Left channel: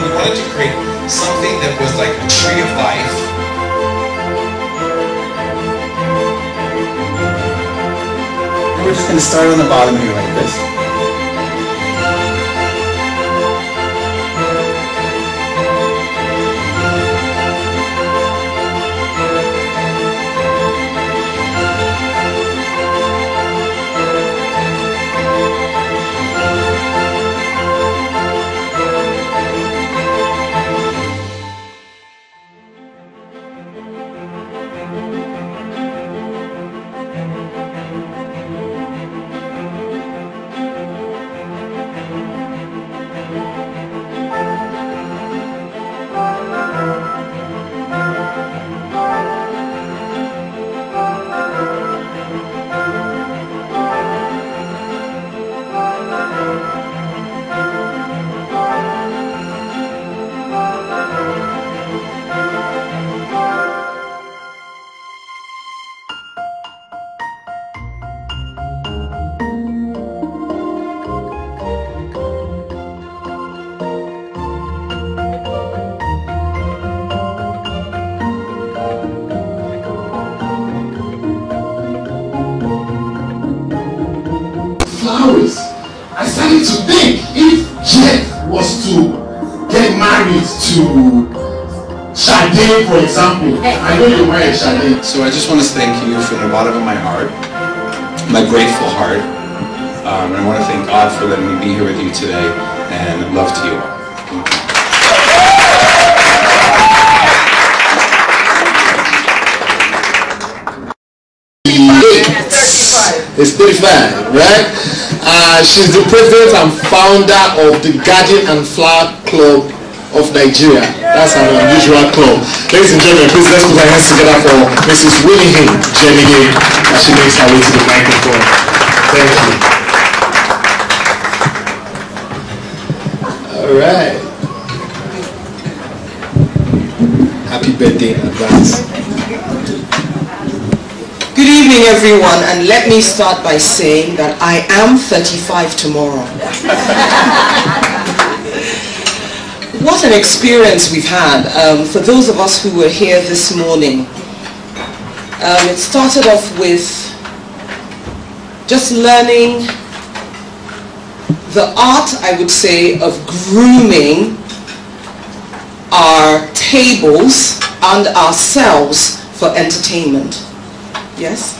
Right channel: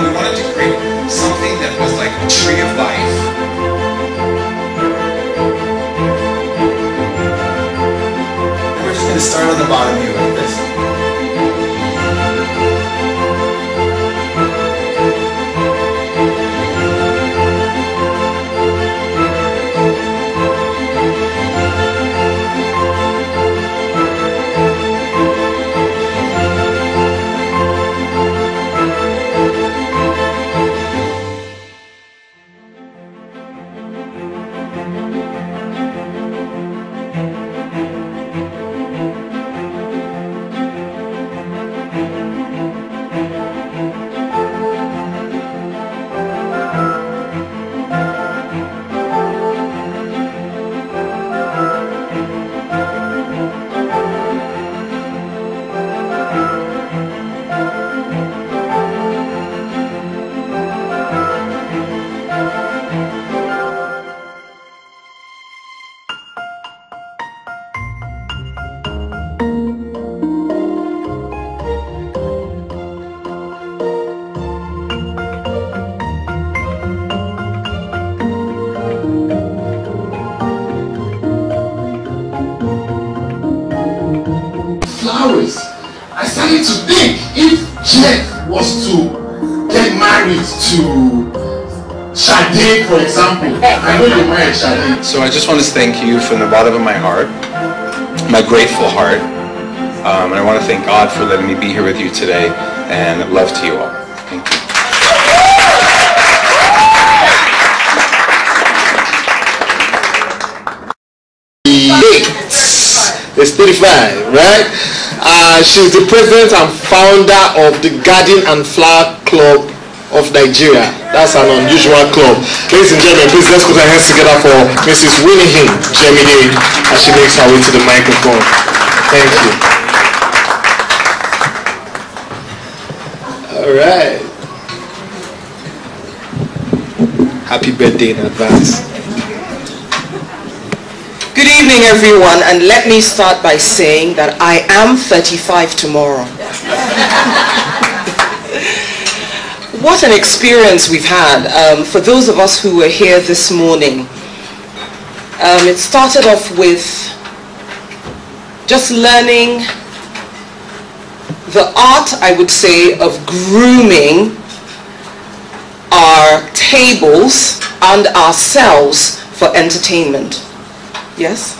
and we wanted to create something that was like a tree of life. And we're just going to start on the bottom here like this. Flowers. I started to think if Jeff was to get married to Sade, for example. I know you married Sade. So I just want to thank you from the bottom of my heart, my grateful heart, and I want to thank God for letting me be here with you today, and love to you all. Thank you. It's 35, right? She's the president and founder of the Garden and Flower Club of Nigeria. That's an unusual club. Ladies and gentlemen, please let's put our hands together for Mrs. Winihin Jemide as she makes her way to the microphone. Thank you. All right. Happy birthday in advance. Good evening, everyone, and let me start by saying that I am 35 tomorrow. What an experience we've had. For those of us who were here this morning, it started off with just learning the art, I would say, of grooming our tables and ourselves for entertainment. Yes?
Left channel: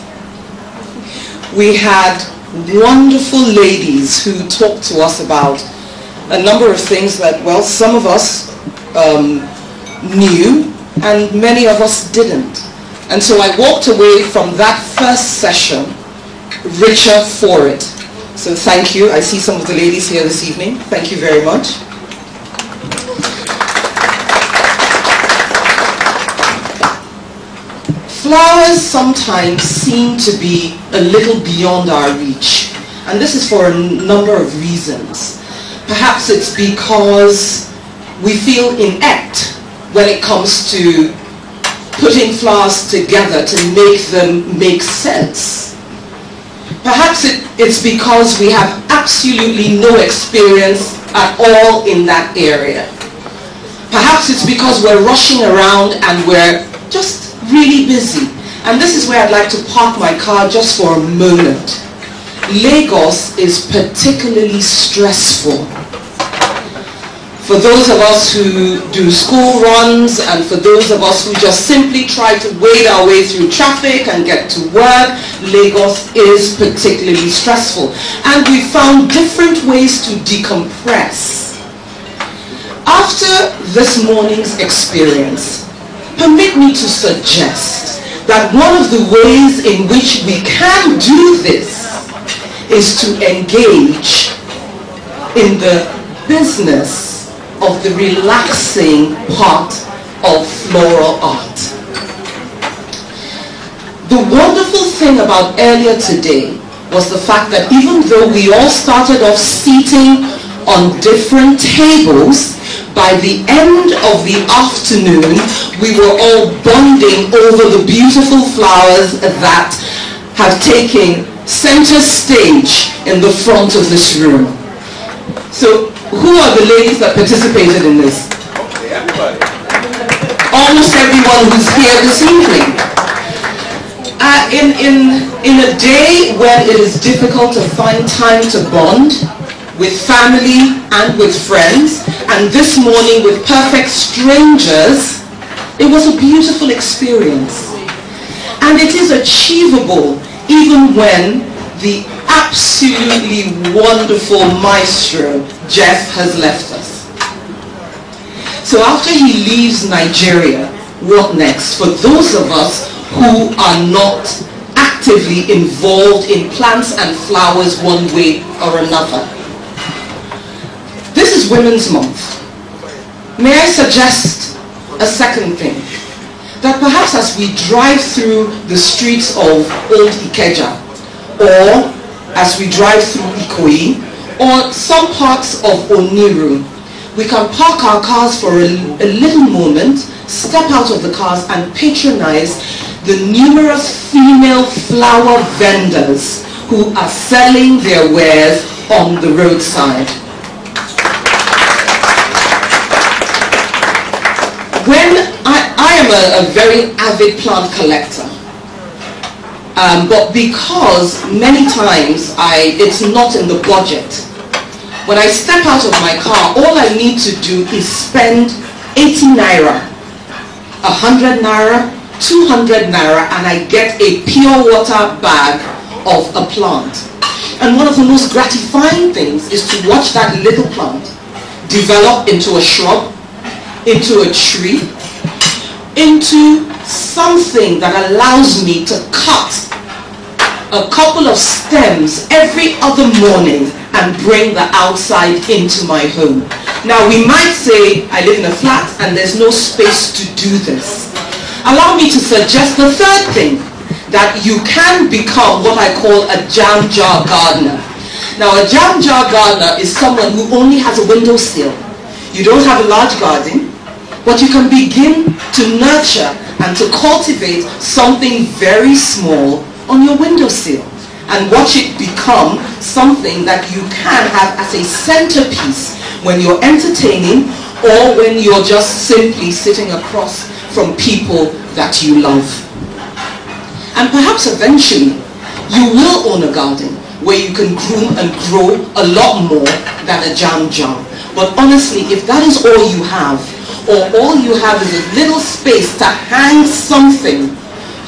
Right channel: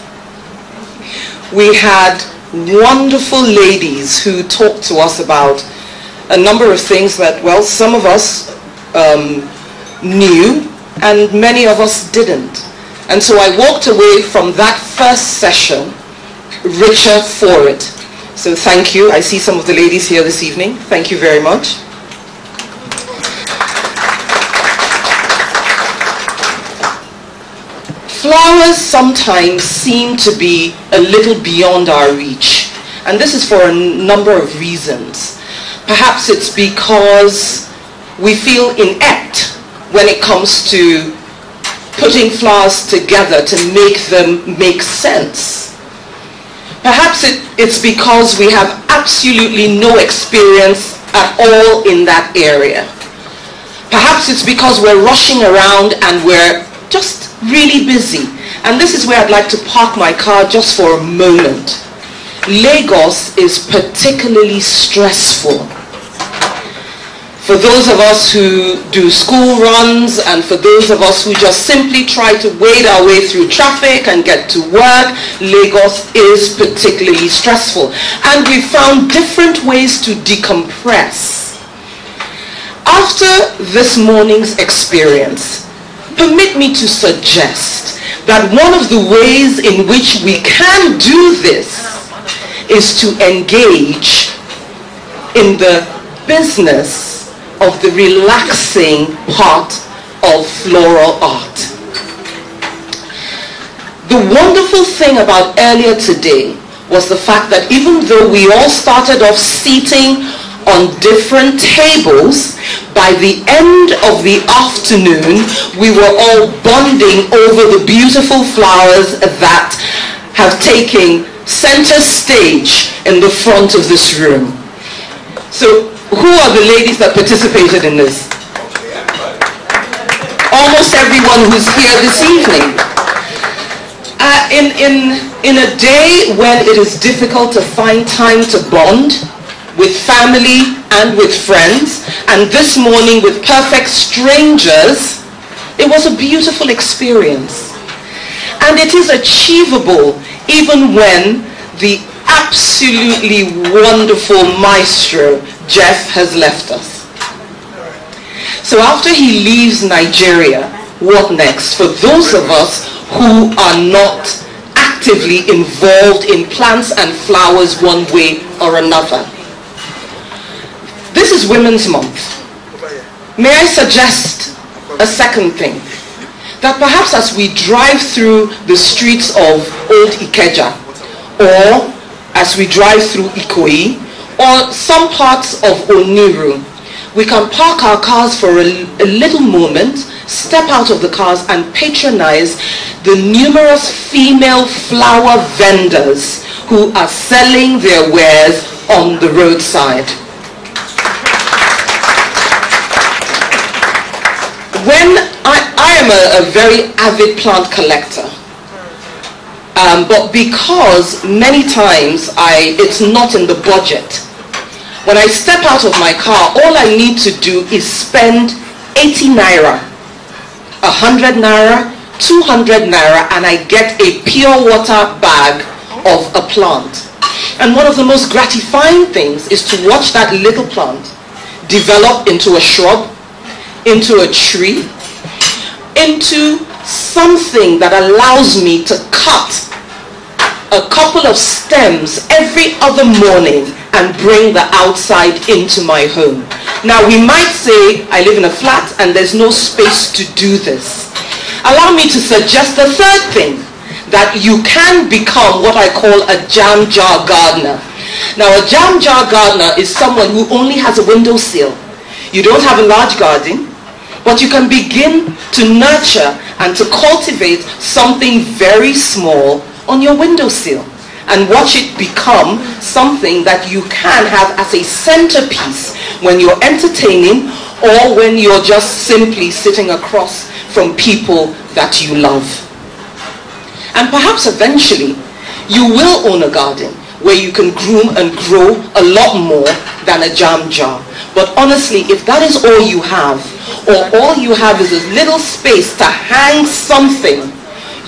We had wonderful ladies who talked to us about a number of things that, well, some of us knew and many of us didn't. And so I walked away from that first session richer for it. So thank you. I see some of the ladies here this evening. Thank you very much. Flowers sometimes seem to be a little beyond our reach, and this is for a number of reasons. Perhaps it's because we feel inept when it comes to putting flowers together to make them make sense. Perhaps it's because we have absolutely no experience at all in that area. Perhaps it's because we're rushing around and we're just really busy. And this is where I'd like to park my car just for a moment. Lagos is particularly stressful. For those of us who do school runs and for those of us who just simply try to wade our way through traffic and get to work, Lagos is particularly stressful. And we found different ways to decompress. After this morning's experience, permit me to suggest that one of the ways in which we can do this is to engage in the business of the relaxing part of floral art. The wonderful thing about earlier today was the fact that even though we all started off seating on different tables, by the end of the afternoon, we were all bonding over the beautiful flowers that have taken center stage in the front of this room. So who are the ladies that participated in this? Almost everyone who's here this evening. In a day when it is difficult to find time to bond with family and with friends, and this morning with perfect strangers, it was a beautiful experience. And it is achievable even when the absolutely wonderful maestro, Jeff, has left us. So after he leaves Nigeria, what next? For those of us who are not actively involved in plants and flowers one way or another. This is Women's Month. May I suggest a second thing? That perhaps as we drive through the streets of Old Ikeja, or as we drive through Ikoyi, or some parts of Oniru, we can park our cars for a little moment, step out of the cars and patronize the numerous female flower vendors who are selling their wares on the roadside. When I am a very avid plant collector, but because many times it's not in the budget. When I step out of my car, all I need to do is spend 80 naira, 100 naira, 200 naira, and I get a pure water bag of a plant. And one of the most gratifying things is to watch that little plant develop into a shrub, into a tree, into something that allows me to cut a couple of stems every other morning and bring the outside into my home. Now we might say I live in a flat and there's no space to do this. Allow me to suggest the third thing, that you can become what I call a jam jar gardener. Now a jam jar gardener is someone who only has a windowsill. You don't have a large garden, but you can begin to nurture and to cultivate something very small on your windowsill and watch it become something that you can have as a centerpiece when you're entertaining or when you're just simply sitting across from people that you love. And perhaps eventually you will own a garden where you can groom and grow a lot more than a jam jar. But honestly, if that is all you have, or all you have is a little space to hang something,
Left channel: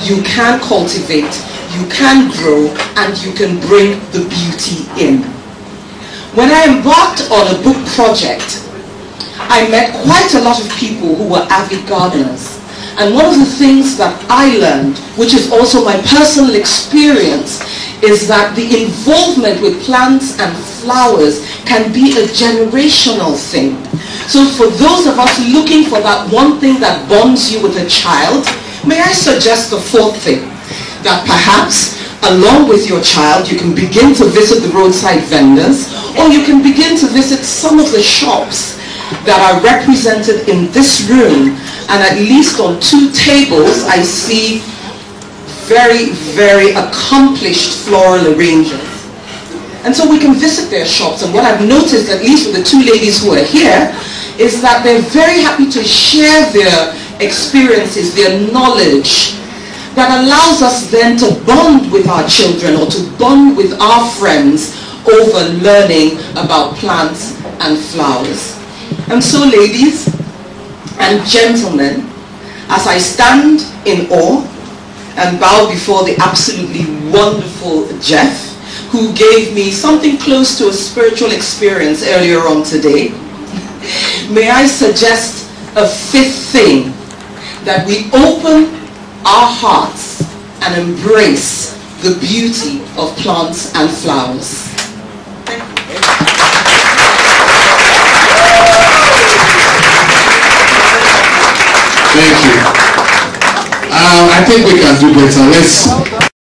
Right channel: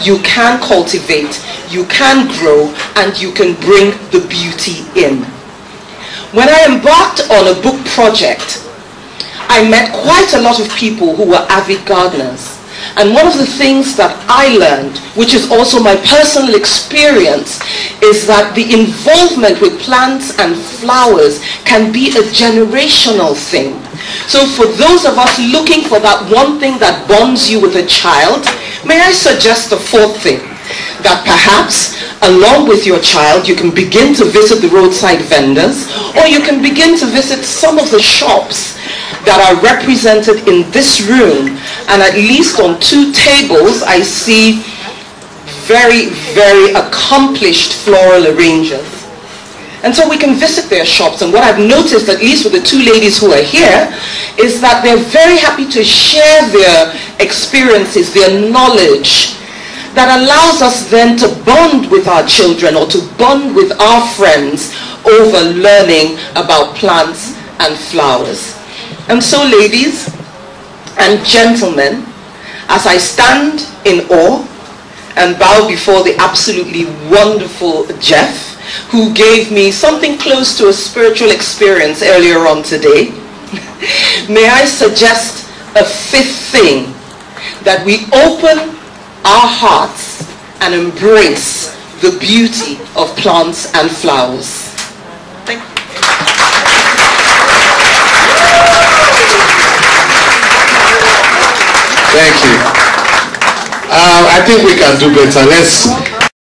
you can cultivate, you can grow, and you can bring the beauty in. When I embarked on a book project, I met quite a lot of people who were avid gardeners. And one of the things that I learned, which is also my personal experience, is that the involvement with plants and flowers can be a generational thing. So for those of us looking for that one thing that bonds you with a child, may I suggest the fourth thing, that perhaps along with your child you can begin to visit the roadside vendors, or you can begin to visit some of the shops that are represented in this room. And at least on 2 tables I see very, very accomplished floral arrangers. And so we can visit their shops, and what I've noticed, at least with the 2 ladies who are here, is that they're very happy to share their experiences, their knowledge, that allows us then to bond with our children or to bond with our friends over learning about plants and flowers. And so ladies and gentlemen, as I stand in awe and bow before the absolutely wonderful Jeff, who gave me something close to a spiritual experience earlier on today, may I suggest a 5th thing, that we open our hearts and embrace the beauty of plants and flowers. Thank you. I think we can do better. Let's